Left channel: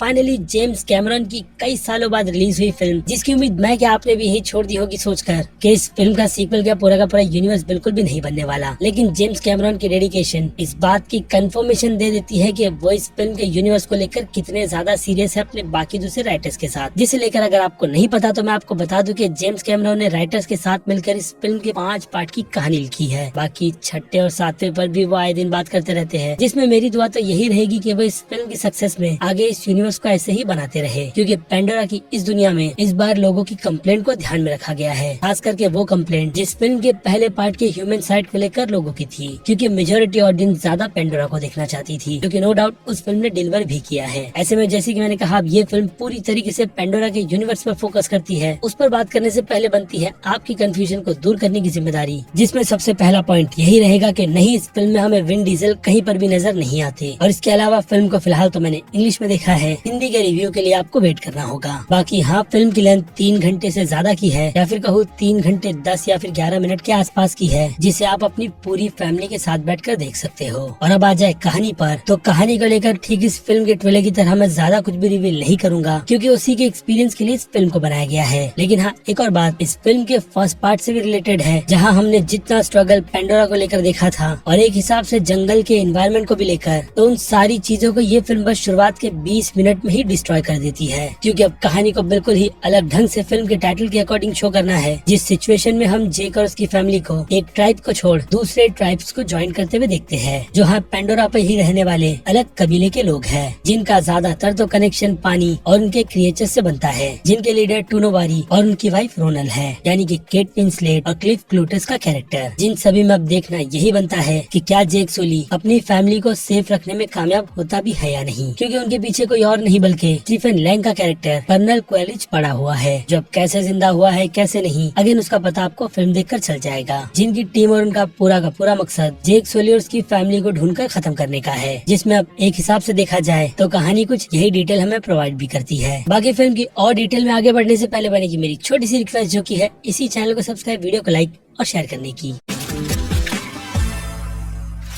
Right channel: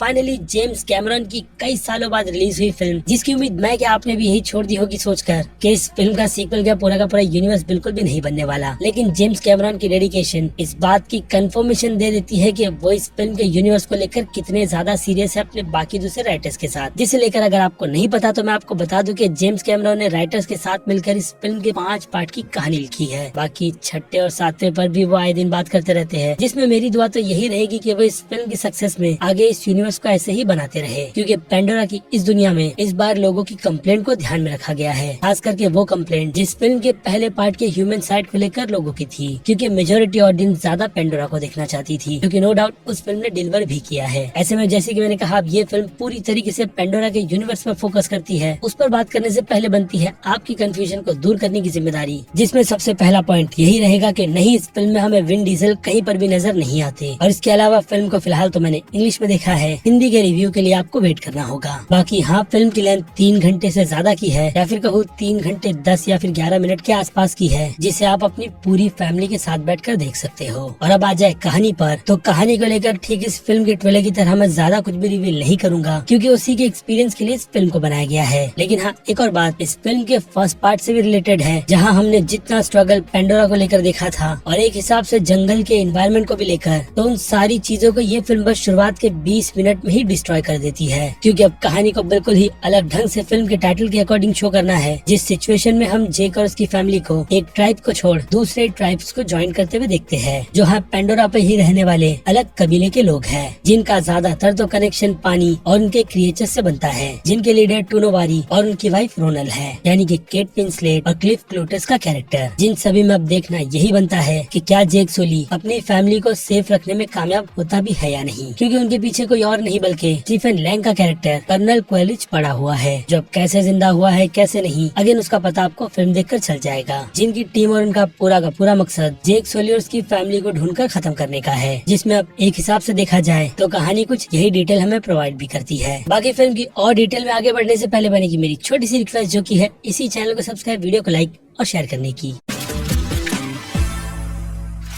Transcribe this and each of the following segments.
Finally James Cameron की कई सालों बाद रिलीज हुई फिल्म, जिसकी उम्मीद मैं क्या आपने भी यही छोड़ दी होगी सोचकर कि इस फिल्म का सीक्वल का पूरा यूनिवर्स बिल्कुल भी नहीं बनने वाला। लेकिन जेम्स कैमरन की डेडिकेशन इस बात की कंफर्मेशन दे देती है कि वो इस फिल्म के यूनिवर्स को लेकर कितने ज्यादा सीरियस है अपने बाकी दूसरे राइटर्स के साथ। जिसे लेकर अगर आपको नहीं पता तो मैं आपको बता दूं कि जेम्स कैमरन ने राइटर्स के साथ मिलकर इस फिल्म के 5 पार्ट की कहानी लिखी है। बाकी छठे और सातवें पर भी वो आए दिन बात करते रहते हैं, जिसमें मेरी दुआ तो यही रहेगी कि वो इस फिल्म की सक्सेस में आगे इस यूनिवर्स को ऐसे ही बनाते रहे, क्योंकि पेंडोरा की इस दुनिया में इस बार लोगों की कंप्लेंट को ध्यान में रखा गया है, खास करके वो कंप्लेंट जिस फिल्म के पहले पार्ट के ह्यूमन साइड को लेकर लोगों की थी, क्योंकि मेजोरिटी ऑडियंस ज्यादा पेंडोरा को देखना चाहती थी, क्योंकि नो डाउट उस फिल्म ने डिलीवर भी किया है। ऐसे में जैसे कि मैंने कहा, अब ये फिल्म पूरी तरीके से पेंडोरा के यूनिवर्स पर फोकस करती है। उस पर बात करने से पहले बनती है आपकी कंफ्यूजन को दूर करने की जिम्मेदारी, जिसमें सबसे पहला पॉइंट यही रहेगा कि नहीं, इस फिल्म में हमें विन डीजल कहीं पर भी नजर नहीं आते। और इसके अलावा फिल्म को फिलहाल तो मैंने इंग्लिश में देखा है, हिंदी के रिव्यू के लिए आपको वेट करना होगा। बाकी हाँ, फिल्म की लेंथ 3 घंटे से ज्यादा की है, या फिर कहूँ 3 घंटे 10 या फिर 11 मिनट के आसपास की है, जिसे आप अपनी पूरी फैमिली के साथ बैठकर देख सकते हो। और अब आ जाए कहानी पर, तो कहानी को लेकर ठीक इस फिल्म के ट्रेलर की तरह मैं ज्यादा कुछ भी रिवील नहीं करूंगा, क्योंकि उसी के एक्सपीरियंस के लिए इस फिल्म को बनाया गया है। लेकिन हाँ, एक और बात इस फिल्म के फर्स्ट पार्ट से भी रिलेटेड है, जहाँ हमने जितना स्ट्रगल पेंडोरा को लेकर देखा था और एक हिसाब से जंगल के एनवायरनमेंट को भी लेकर, तो उन सारी चीजों को ये फिल्म बस शुरुआत के 20 मिनट में ही डिस्ट्रॉय कर देती है। क्योंकि अब कहानी को बिल्कुल ही अलग ढंग से फिल्म के टाइटल के अकॉर्डिंग शो करना है, जिस सिचुएशन में हम जेक और उसकी फैमिली को एक ट्राइब को छोड़ दूसरे ट्राइब्स को ज्वाइन करते हुए देखते हैं, जो है पेंडोरा पे ही रहने वाले अलग कबीले के लोग हैं, जिनका ज्यादातर तो कनेक्शन पानी और उनके क्रिएचर से बनता है, जिनके लीडर टूनोवारी और उनकी वाइफ रोनल है, यानी कि केट विंसलेट और क्लिफ क्लूटस का कैरेक्टर। जिन सभी में अब देखना यही बनता है कि क्या जेक सुली अपनी फैमिली को सेफ रखने में कामयाब होता भी है या नहीं, क्योंकि उनके पीछे कोई और नहीं बल्कि स्टीफन लैंग का कैरेक्टर कर्नल क्वेलिच पड़ा हुआ है, जो अब कैसे जिंदा हुआ है कैसे नहीं, अगेन उसका पता आपको फिल्म देखकर चल जाएगा। जिनकी टीम और उनका पूरा का पूरा मकसद जेक सुली और उसकी फैमिली को ढूंढकर खत्म करने का है, जिसमें अब एक हिसाब से देखा जाए तो कहानी कुछ यही डिटेल हमें प्रोवाइड भी करती है। बाकी फिल्म की और डिटेल में आगे बढ़ने से पहले बनेगी मेरी छोटी सी रिक्वेस्ट, जो की है इसी चैनल को सब्सक्राइब, वीडियो को लाइक और शेयर करने की।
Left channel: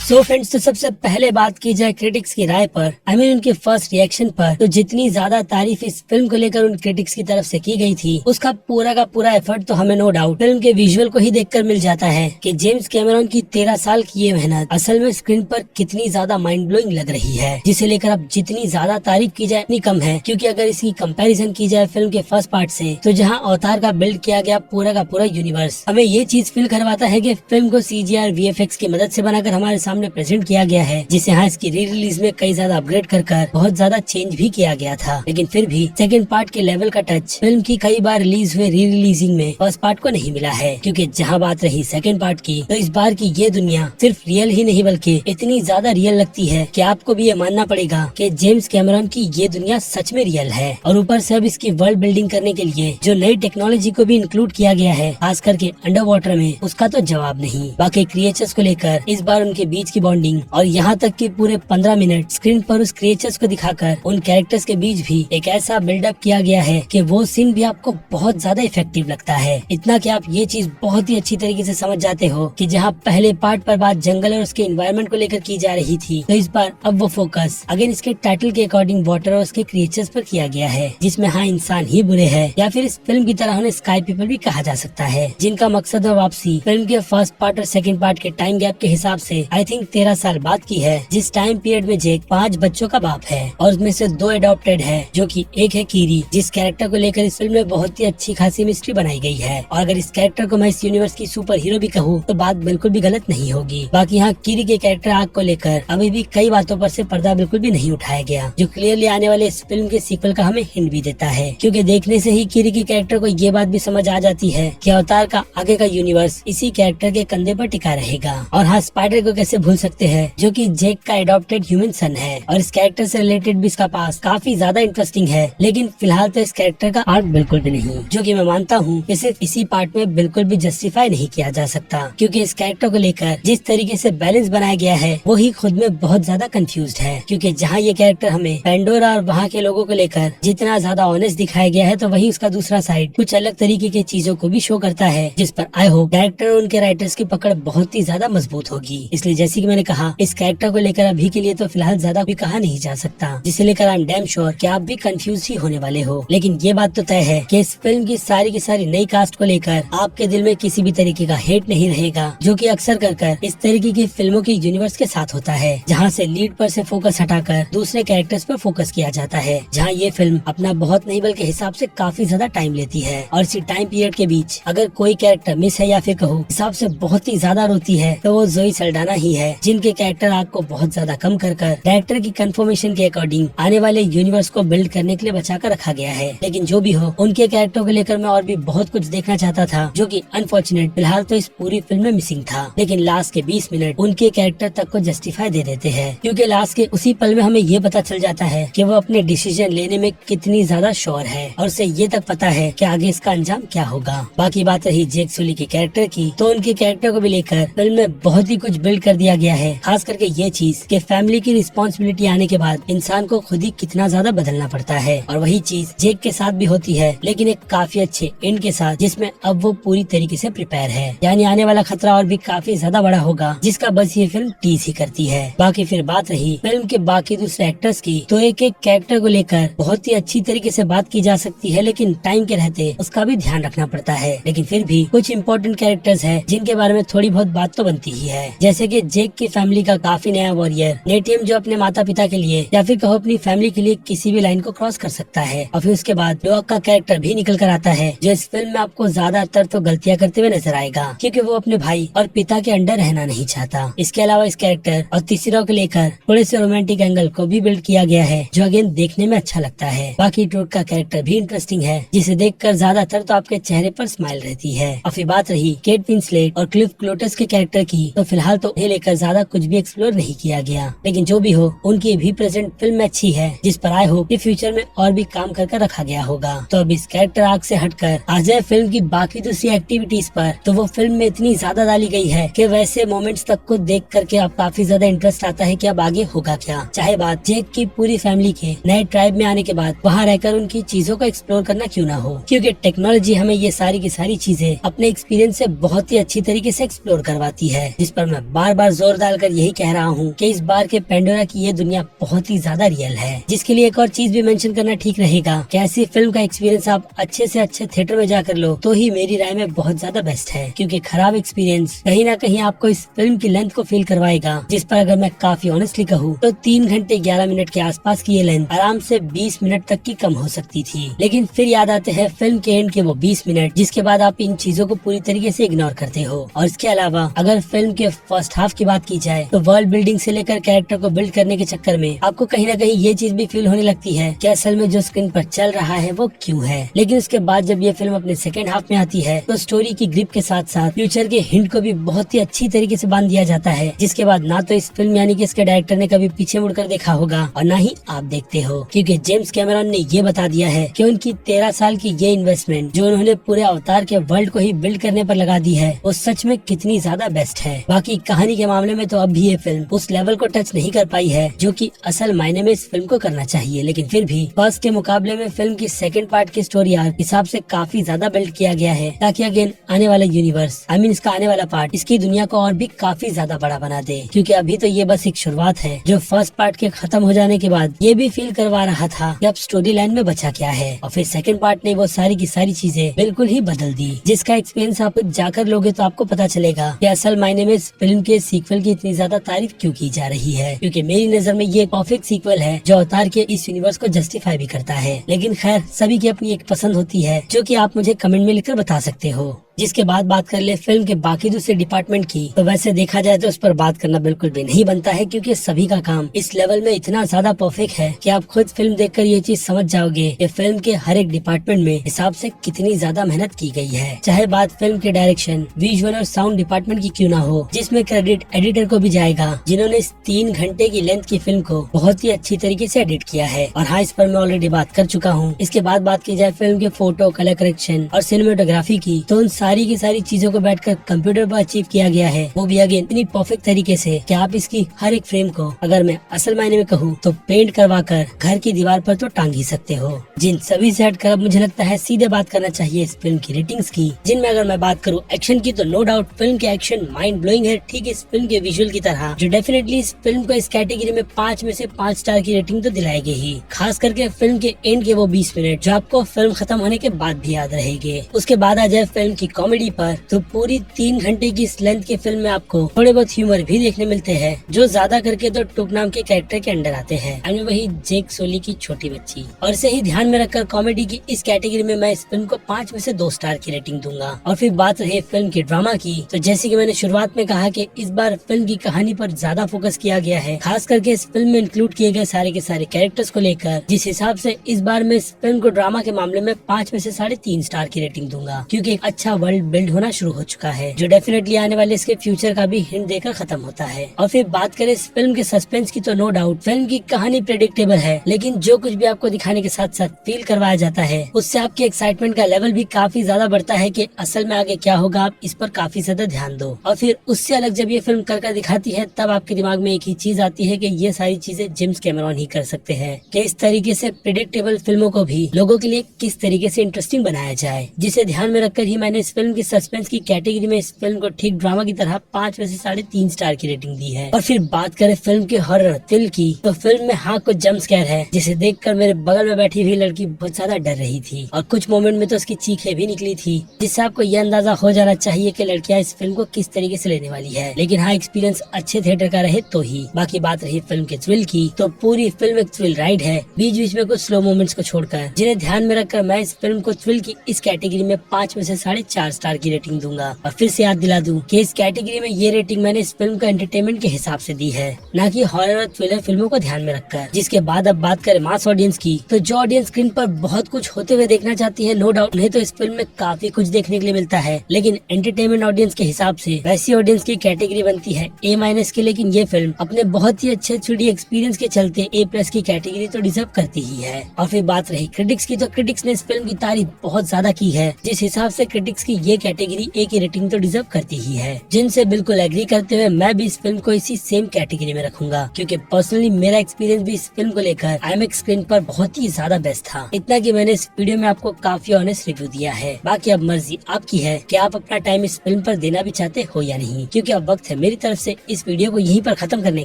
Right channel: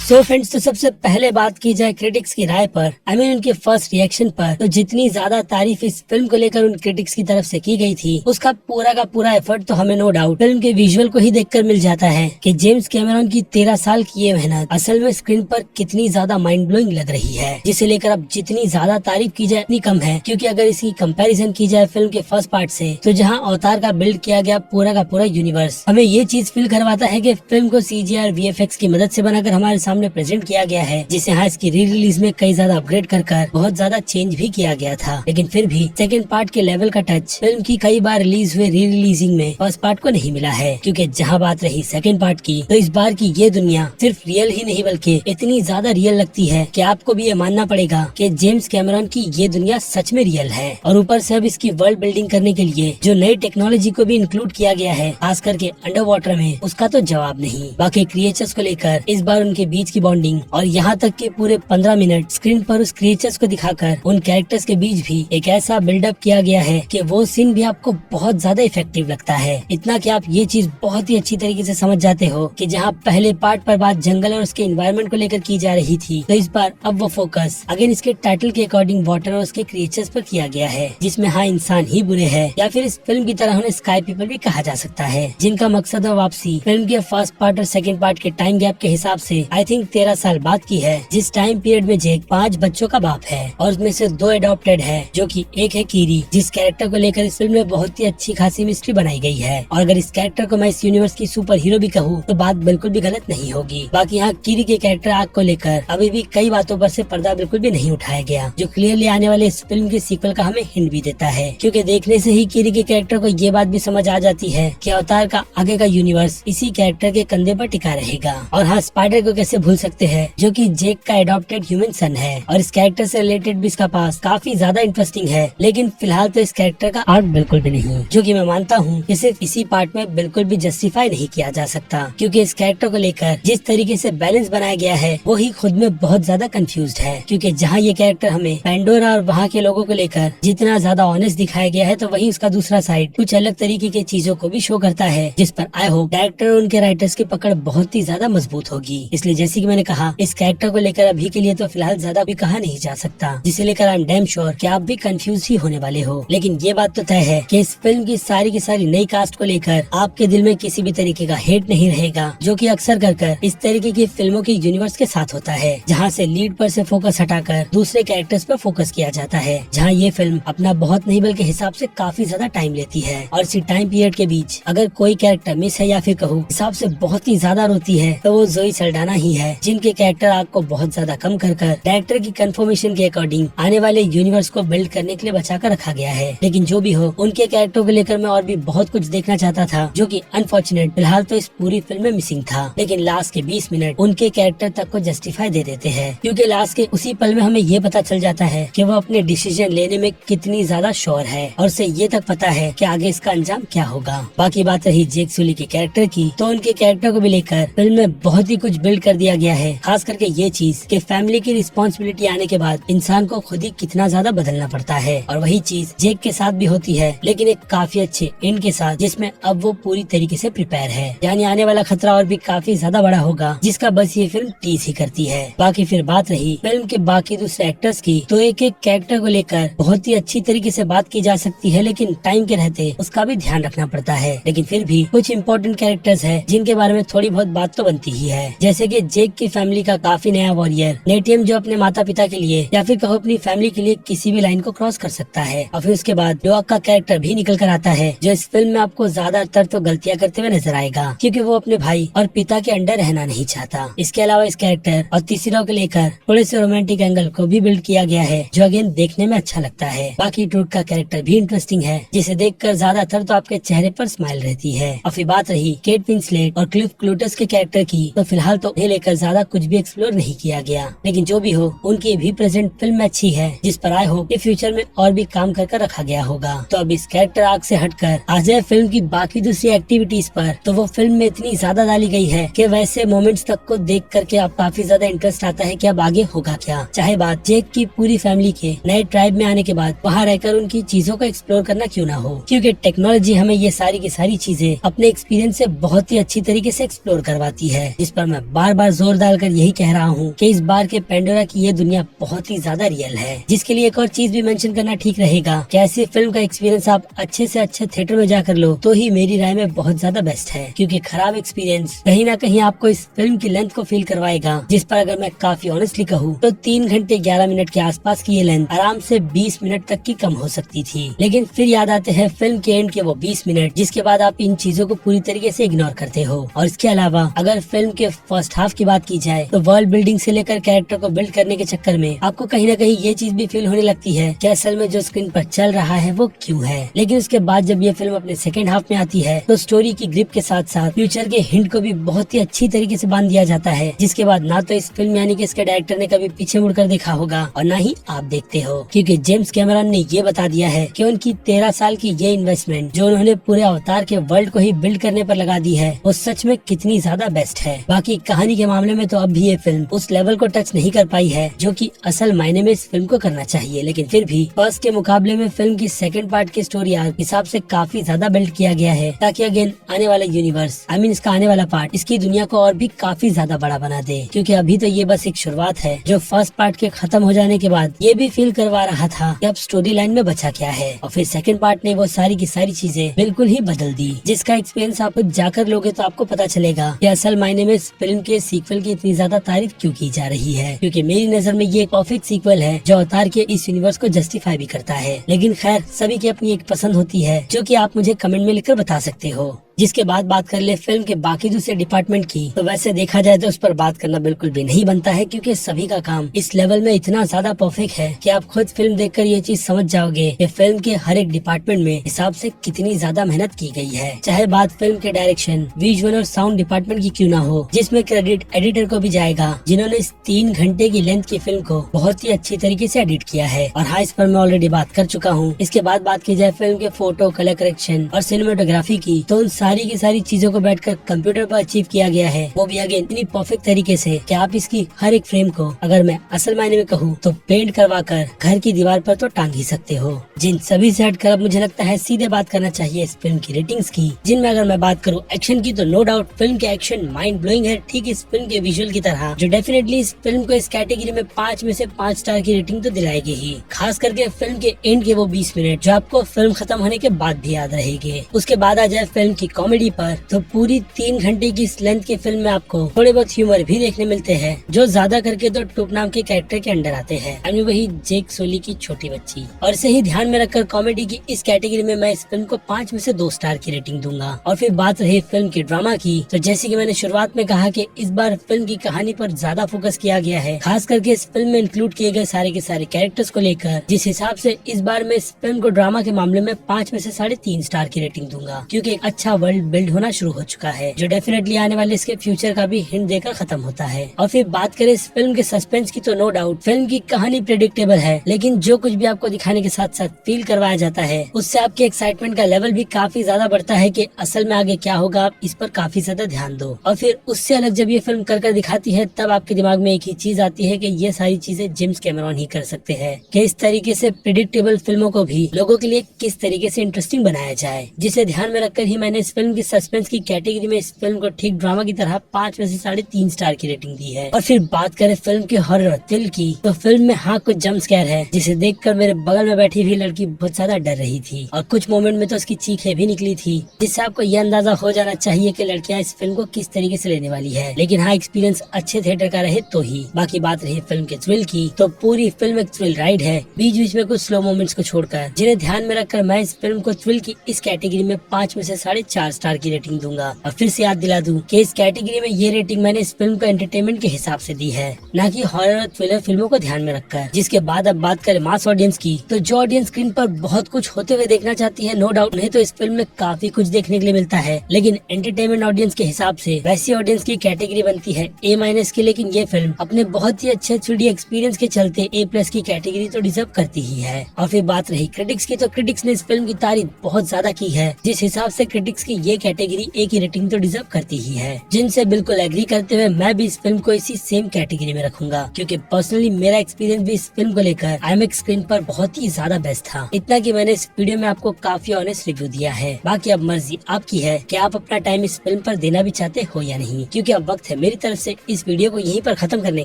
सो फ्रेंड्स, तो सबसे पहले बात की जाए क्रिटिक्स की राय पर, उनके फर्स्ट रिएक्शन पर, तो जितनी ज्यादा तारीफ इस फिल्म को लेकर उन क्रिटिक्स की तरफ से की गई थी, उसका पूरा का पूरा एफर्ट तो हमें नो डाउट फिल्म के विजुअल को ही देखकर मिल जाता है कि जेम्स कैमरन की 13 साल की ये मेहनत असल में स्क्रीन पर कितनी ज्यादा माइंड ब्लोइंग लग रही है, जिसे लेकर अब जितनी ज्यादा तारीफ की जाए उतनी कम है। क्योंकि अगर इसकी कंपैरिजन की जाए फिल्म के फर्स्ट पार्ट से, तो जहाँ अवतार का बिल्ड किया गया पूरा का पूरा यूनिवर्स हमें ये चीज फील करवाता है कि फिल्म को CGI और VFX की मदद से बनाकर हमारे सामने प्रेजेंट किया गया है, जिसे हाँ इसकी री रिलीज में कई ज्यादा अपग्रेड कर बहुत ज्यादा चेंज भी किया गया था। लेकिन फिर भी सेकंड पार्ट के लेवल का टच फिल्म की कई बार रिलीज हुए री रिलीजिंग में फर्स्ट पार्ट को नहीं मिला है। क्योंकि जहाँ बात रही सेकंड पार्ट की, तो इस बार की ये दुनिया सिर्फ रियल ही नहीं बल्कि इतनी ज्यादा रियल लगती है कि आपको भी ये मानना पड़ेगा कि जेम्स कैमरन की ये दुनिया सच में रियल है। और ऊपर से अब इसकी वर्ल्ड बिल्डिंग करने के लिए जो नई टेक्नोलॉजी को भी इंक्लूड किया गया है, खास करके अंडर वाटर में, उसका तो जवाब नहीं। बाकी क्रिएचर्स को लेकर इस बार उनके बीच की बॉन्डिंग और यहाँ तक कि पूरे 15 मिनट स्क्रीन पर उस क्रिएचर्स को दिखाकर उन कैरेक्टर्स के बीच भी एक ऐसा बिल्डअप किया गया है कि वो सीन भी आपको बहुत ज्यादा इफेक्टिव लगता है। इतना कि आप ये चीज बहुत ही अच्छी तरीके से समझ जाते हो कि जहाँ पहले पार्ट पर बात जंगल और उसके एनवायरनमेंट को लेकर की जा रही थी, तो इस बार अब वो फोकस अगेन इसके टाइटल के अकॉर्डिंग वाटर और उसके क्रिएचर्स पर किया गया है, जिसमें हाँ इंसान ही बुरे हैं, या फिर इस फिल्म की तरह उन्हें स्काई पीपल भी कहा जा सकता है, जिनका मकसद है वापसी फिल्म के फर्स्ट पार्ट और सेकंड पार्ट के टाइम गैप के हिसाब से आई थिंक 13 साल बाद की है, जिस टाइम पीरियड में जेक 5 बच्चों का बाप है और उसमें से 2 एडॉप्टेड है, जो कि एक है कीरी, जिस कैरेक्टर को लेकर इस फिल्म में बहुत ही अच्छी खासी मिस्ट्री बनाई गई है। और अगर इस कैरेक्टर को मैं इस यूनिवर्स की सुपर हीरो भी कहूँ तो बात बिल्कुल भी गलत नहीं होगी। बाकी यहाँ कीरी के कैरेक्टर आर्क को लेकर अभी भी कई बातों पर से पर्दा बिल्कुल भी नहीं उठाया गया, जो क्लियरली आने वाले इस फिल्म के सीक्वल का हमें हिंट भी देता है। क्योंकि देखने से ही कीरी के कैरेक्टर को ये बात भी समझ आ जाती है कि अवतार का आगे का यूनिवर्स इसी कैरेक्टर के कंधे पर टिका रहेगा। और हाँ, स्पाइडर को कैसे भूल सकते हैं, जो कि जेक का एडॉप्टेड ह्यूमन सन है, और इस कैरेक्टर से रिलेटेड भी इसका पास काफी ज्यादा इंटरेस्टिंग है। लेकिन फिलहाल तो इस कैरेक्टर का आर्क बिल्कुल भी नहीं, जो कि मैं मानता हूँ कि सिर्फ इसी पार्ट में बिल्कुल भी जस्टिफाई नहीं किया जा सकता। क्योंकि इस कैरेक्टर को लेकर जिस तरीके से बैलेंस बनाया गया है, वो ही खुद में बहुत ज्यादा कंफ्यूज्ड है। क्योंकि जहाँ ये कैरेक्टर हमें पेंडोरा और वहाँ के लोगों को लेकर जितना ज्यादा ऑनेस्ट दिखाया गया है, तो वही उसका दूसरा साइड कुछ अलग तरीके की चीजों को भी शो करता है, जिस पर आई होप डायरेक्टर और उनके राइटर्स की पकड़ बहुत ही ज्यादा मजबूत होगी। इसलिए जैसे कि मैंने कहा, इस कैरेक्टर को लेकर अभी के लिए तो फिलहाल ज्यादा भी कहा नहीं जा सकता, जिसे लेकर आई एम डैम श्योर कि आप भी कंफ्यूज ही होने वाले हो। लेकिन ये बात तो तय है कि इस फिल्म की सारी नई कास्ट को लेकर आपके दिल में किसी भी तरीके का हेट नहीं रहेगा, जो कि अक्सर कर इस तरीके की फिल्मों के यूनिवर्स के साथ होता है, जहाँ से लीड पर से फोकस हटाकर दूसरे कैरेक्टर्स पर फोकस किया जाता है। जहाँ ये फिल्म अपना बहुत नहीं बल्कि हिसाब से काफी ज्यादा टाइम लेती है, और इसी टाइम पीरियड के बीच अगर कोई कैरेक्टर मिस है या फिर कहो हिसाब से बहुत ही ज्यादा रोती है, तो वो जोई सल्डाना ही है, जिनके कैरेक्टर आपको बहुत ज्यादा कम कर डायरेक्टर की कंफर्मेशन के अकॉर्डिंग आने वाले यूनिवर्स को बिल्ड करने के लिए बचा कर रखा गया है। लेकिन जो भी हो, उनके कैरेक्टर को लेकर मैं और भी बहुत कुछ देखना चाहता था, जो कि अनफॉर्चुनेट फिलहाल तो इस पूरी फिल्म में मिसिंग था। लेकिन लास्ट के 20 मिनट उनके कैरेक्टर तक को जस्टिफाई दे देते हैं, क्योंकि लास्ट के उसी पल में हमें ये पता चल जाता है कि वो अपने डिसीजन लेने में कितनी ज्यादा श्योर है, और उसे ये तक पता है कि आगे इसका अंजाम क्या होगा। बाकी बात रही जेक सुली के कैरेक्टर की, तो उनके कैरेक्टर को भी लेकर फिल्म में बहुत ही कुछ बिल्ड कर दिया गया है। खास करके ये चीज कि फैमिली की रिस्पॉन्सिबिलिटी आने के बाद इंसान को खुद ही कितना ज्यादा बदलना पड़ता है, और वही चीज जेक के साथ भी होती है, लेकिन एक काफी अच्छे एंड के साथ, जिसमें अब वो पूरी तरीके से प्रिपेयर है। यानी आने वाला खतरा और भी काफी ज्यादा बड़ा होगा, जिसका बस ये फिल्म टीज ही करती है। बाकी फिर बात रही फिल्म के बाकी दूसरे एक्टर्स की, तो एक कैरेक्टर को लेकर बहुत ही अच्छी तरीके से बात की जा सकती है, लेकिन टाइम के रहते उसका भी ध्यान रखना पड़ता है। लेकिन फिर भी कुछ इंपॉर्टेंट कैरेक्टर्स हैं जिनके बारे में थोड़ी बहुत बात तो बनती ही है, जैसे कि जेक की फैमिली का काफी नया वॉरियर नेटियम, जो अपने माता पिता के लिए या फिर कहो अपनी फैमिली के लिए किसी भी लाइन को क्रॉस कर सकता है। और फिर उसके बाद ड्यूक का कैरेक्टर भी निकल कर आता है, जो इस फिल्म में आपको ज्यादातर तो गलतियां करते हुए नजर आएगा, क्योंकि वो अपने भाई और पिता के अंडर रहना नहीं चाहता। इसके अलावा इस कैरेक्टर और तीसरा को लेकर थोड़े से रोमांटिक एंगल को भी बिल्ड किया गया है, जो अगेन देखने में अच्छा लगता है। बाकी ड्यूक का कैरेक्टर भी इंटरेस्टिंग है, जिसे देखकर ज्यादातर तो आपके चेहरे पर स्माइल रहती है। और फिर बात रही केट विंसलेट और क्लिफ क्लूटस के कैरेक्टर की, तो फिलहाल तो उन्हें लेकर ज्यादा कुछ भी एक्सप्लोर नहीं किया गया, लेकिन जो भी हो, उनकी भी प्रेजेंट फिल्म में अच्छी है, जिस पर आई होप कि फ्यूचर में और भी काम कर रखा गया होगा। तो अब इस कैरेक्टर आर्क से हटकर आ जाए फिल्म की बाकी दूसरी एक्टिविटीज पर, तो वो फिल्म में इतनी ज्यादा डाली गई है कि वैसे मोमेंट्स तक को देख करके अब काफी ज्यादा इंटरेस्ट आता है कि अब आगे होगा क्या। चाहे बात जेक की पूरी फैमिली के नए ट्राइब में आने के बाद वहाँ रहकर उनकी चीजों को एक्सप्लोर करना क्यों ना हो, क्योंकि टेक्नोलॉजी हमें ये सारी की सारी चीजें अपने एक्सपीरियंस से बहुत ही अच्छी तरीके से एक्सप्लोर करवाती है, जिस पर मैं बार बार जोर डालकर यही कह रहा हूँ कि इस बार के पेंडोरा की ये दुनिया बहुत ही ज्यादा रियल है। जिसके लिए एक और चीज भी मेंशन करना ठीक रहेगा कि ऐसी फिल्म का एक्सपीरियंस आप अच्छे से अच्छे थिएटर में जाकर लो, तो ही मेरी राय में बहुत ज्यादा बेस्ट है, क्योंकि खराब एक्सपीरियंस कहीं ना कहीं आपको इस फिल्म की लेंथ को फील करवाएगा, जिस पर अगर मैं काफी ऑनेस्टली कहूँ तो 3 घंटे 11 मिनट के आसपास की ये लेंथ आराम से 20 मिनट तक की कम हो सकती थी। लेकिन फिर याद आते हैं फिल्म के एंड के वो 20 मिनट, जिसके बाद आप इन चीजों को पूरी तरीके से इग्नोर करते हो। और इसके अलावा अगर फिल्म के फर्स्ट हाफ की बात की जाए, तो वर्ल्ड बिल्डिंग से लेकर कैरेक्टर को बिल्ड करने के चक्कर में आपको कहीं ना कहीं ये चीज भी फील होने लगती है कि असल में जो स्क्रीन पर चल रहा है वो क्यों है। लेकिन उसके बाद जब ये फिल्म अपने सेकंड हाफ में आती है, तो स्टोरी की ग्रिप के साथ साथ फ्यूचर के हिंट को भी बहुत ही अच्छी तरीके से बांध दिया जाता है, जिसके बाद ना तो इस फिल्म यानी कि इसके डायरेक्टर ने कभी पीछे मुड़कर देखा होगा, और ना ही आप देखते हो, क्योंकि जेम्स कैमरन ने ये बता दिया है कि उनकी 13 साल की ये इन्वेस्टमेंट जो उन्होंने पूरे अवतार के वर्ल्ड को ही बिल्ड करने पर लगा दी है, वो सच में कितनी ज्यादा बेस्ट है। बाकी कहानी के मामले में तो अब भी ये फिल्म उस लेवल को टच नहीं कर पाई है जो कि असल मायने में इस फिल्म को करना चाहिए, लेकिन फिर भी फर्स्ट के मुकाबले में फिल्म की सेकंड पार्ट की स्टोरी आर्क हिसाब से काफी ज्यादा बिल्ड किया गया है, ताकि अगेन आने वाला यूनिवर्स इसका आने वाला पार्ट इसकी दुनिया को और भी काफी ज्यादा बड़ा बना दे। क्योंकि अभी तो ये बस एक शुरुआत है, जो फर्स्ट पार्ट के खत्म हो जाने के बाद ये भी फील करवा रहा था कि अब स्टोरी लाइन में बचा क्या है, और फिर सेकंड पार्ट ने वो सारी की सारी चीजें बिल्कुल ही बदल दी, जिसका एक्सपीरियंस आप जाकर लोगे तो आपको पता चलेगा कि असल मायने में इस फिल्म के सीक्वल की इतनी ज्यादा तारीफ क्यों की जा रही है। क्योंकि मेरी नजर में ये परफेक्ट सीक्वल है जो अवतार के इस यूनिवर्स को जस्टिफाई भी करता है। लेकिन खैर, सभी की अपनी एक पसंद होती है, जो कि आप मुझे कमेंट में लिखकर बता सकते हो। जिसके बाद बात कर ले फिल्म के बाकी दूसरे डिपार्टमेंट की, तो वैसे देखा जाए तो उस पर बात करना बिल्कुल भी नहीं बनता है, क्योंकि सभी का काम इस लेवल में इतना ज्यादा परफेक्ट है कि आप खुद फिल्म देखकर ये चीज समझ जाओगे कि फिल्म के हर एक डिपार्टमेंट में हिसाब से कितनी ज्यादा मेहनत की गई है। चाहे बात फिल्म के डायरेक्शन, विजुअल और साउंड डिपार्टमेंट की क्यों ना हो, जिसमें क्रेडिट एडिटर को भी जाएगा, जिन्होंने इस 3 घंटे की लेंथ की फिल्म को बहुत ही अच्छी तरीके से एडिट किया है। और हाँ, इस पर मैं ऑलरेडी बात कर चुका हूँ। इसके बाद बात की जाए फिल्म के फोटो, कलर करेक्शन और सिनेमेटोग्राफी की, तो उन सारी की सारी चीजों को बैठकर कंप्यूटर पर अचीव किया गया है, वो भी अगेन इतनी परफेक्ट तरीके से कि आप इसकी हर एक फ्रेम को, अगर मैं असल मायने में कहूँ तो पेंट करवा कर घर की दीवार पर तो टांग ही सकते हो। जिन सभी से हटकर अब मुझे लगता है सीधे बात करना चाहिए इस फिल्म की रेटिंग्स की, जिनमें अगर मैं बात करूँ एक्शन की तो नो डाउट फिल्म के एक्शन माइंड ब्लोइंग है, ठीक इस फिल्म के विजुअल की तरह, जो डेफिनेटली इस फिल्म को इस कैटेगरी में 5 में से 5 स्टार की रेटिंग तो दिलाएगी ही। खास करके फिल्म के एंड के वो 20 मिनट जो आपको फिल्म खत्म होने के बाद भी याद रहेंगे। उसके बाद आ जाए फिल्म की कॉमेडी पर, तो पूरी 3 घंटे की इस लेंथ की फिल्म में आपको थोड़े बहुत ह्यूमर भी देखने मिलते हैं, जो ज्यादा करके तो टुक नाम के कैरेक्टर के अंडर आते हैं, यानी वही जेक सोली की छोटी बच्ची। और इसे ही ध्यान में रखकर कॉमेडी की इस कैटेगरी में मैं इस फिल्म को 5 में से 2 स्टार की रेटिंग दूंगा। और फिर बात रही फिल्म के ड्रामा की, तो जैसे कि मैंने शुरुआत में कहा कि इस बार फिल्म की कहानी पर ज्यादा फोकस किया गया है, खास करके इस फिल्म में इंक्लूड किए गए सारे के सारे कैरेक्टर्स को लेकर, जिस हिसाब से इस बार मैं इस फिल्म को ड्रामा के मामले में 5 में से 3.5 स्टार की रेटिंग दूंगा, क्योंकि एक अच्छा वर्ल्ड बिल्ड होना शुरू हो चुका है, जो डेफिनेटली आने वाले इसके फ्यूचर का भी हिंट देकर खत्म होता है। और फिर बात करें इस फिल्म के सस्पेंस की, तो नो डाउट फिल्म की कहानी प्रेडिक्टेबल है, लेकिन जो कुछ भी आपको दिखाने के साथ साथ फील करवाया जाता है, उससे आपके एक्साइटमेंट का लेवल भी काफी ज्यादा बढ़ता है कि असल में आगे क्या होगा, आप इस पर काफी ज्यादा ध्यान दो। और फिर उससे अलग जब ये फिल्म कर दिखाती है, तब आपके दिमाग में एक ही चीज आती है कि ये सारी चीजें जेम्स कैमरॉन ही कर सकते हैं, कि इस तरीके से प्रेडिक्टेबल फिल्मों को भी लोगों के लिए किस तरीके से इंटरेस्टिंग बनाया जाए, जिसे ध्यान में रखकर ही मैंने इस फिल्म की सस्पेंस की कैटेगरी में इस फिल्म को ठीक ड्रामा की तरह 5 में से 3.5 स्टार की रेटिंग दी है। और फिर बात करें फिल्म के हॉरर थ्रिल की, तो फिल्म में हाँ कुछ जंप स्कैर है, जिसे देखकर मेरे बगल में बैठी हुई लड़की बहुत ज्यादा डर रही थी, और कुछ मोमेंट में तो उसकी चीखें भी निकली थी, जिससे आपको ये अंदाजा हो जाना चाहिए कि लड़कियां इस फिल्म को किस तरीके से लेने वाली है। लेकिन हाँ, एक्सपीरियंस अच्छे थिएटर का रहे तो ही। बाकी बात रही फिल्म के थ्रिल की, तो पूरी फिल्म एक थ्रिल राइड है, बीच बीच में कुछ स्लो मोमेंट्स को छोड़कर, जिन्हें ध्यान में रखकर मैं इस फिल्म को थ्रिल की इस कैटेगरी में 5 में से 4.5 स्टार की रेटिंग दूंगा। और फिर से याद दिला दूं कि इस कैटेगरी में ये रेटिंग मैंने इस फिल्म को एंटरटेनमेंट के हिसाब से दी है, न कि हॉरर और थ्रिलर फिल्मों को ध्यान में रखकर। जिसके बाद अब बात करें मास ऑडियंस की, तो जो ऑडियंस स्क्रीन पर बहुत कुछ होते हुए देखना चाहती है, नो डाउट उन्हें तो इस फिल्म में काफी कुछ देखने के लिए मिलता है, लेकिन एंटरटेनमेंट ऑडियंस के हिसाब से वैसी ऑडियंस की कैटेगरी बनती है A- की। लेकिन ये फिल्म अपने बहुत ही अच्छे 3D एक्सपीरियंस के चलते A+ की कैटेगरी तो डिजर्व करती ही है। और फिर बात रही क्रिटिक्स की, तो क्रिटिक्स ने इस फिल्म की तारीफ बहुत ज्यादा की है, जिस हिसाब से क्रिटिक्स की ये कैटेगरी A की रेटिंग तो डिजर्व करती ही है, जिनसे बिल्कुल एग्री करते हुए मैं भी इस फिल्म को इसी सेम कैटेगरी में रखूंगा, क्योंकि पर्सनली मेरा एक्सपीरियंस भी इस फिल्म को लेकर IMAX स्क्रीन पर बहुत ही ज्यादा बेस्ट था। इतना कि मैंने इस वीडियो में आपको काफी ऑनेस्ट रिव्यू दिया है। बाकी अब मर्जी आपकी है कि आप अपना टाइम इस फिल्म पर देना भी चाहते हो या नहीं, क्योंकि अब वक्त है मेरी तरफ से इस वीडियो को यहीं पर खत्म करने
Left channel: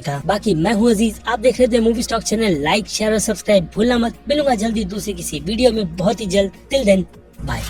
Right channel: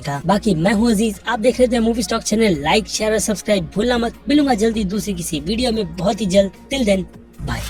का। बाकी मैं हूँ अजीज, आप देख रहे थे movie stock channel. Like share और सब्सक्राइब भूलना मत। मिलूंगा जल्दी दूसरी किसी वीडियो में बहुत ही जल्द। Till then bye.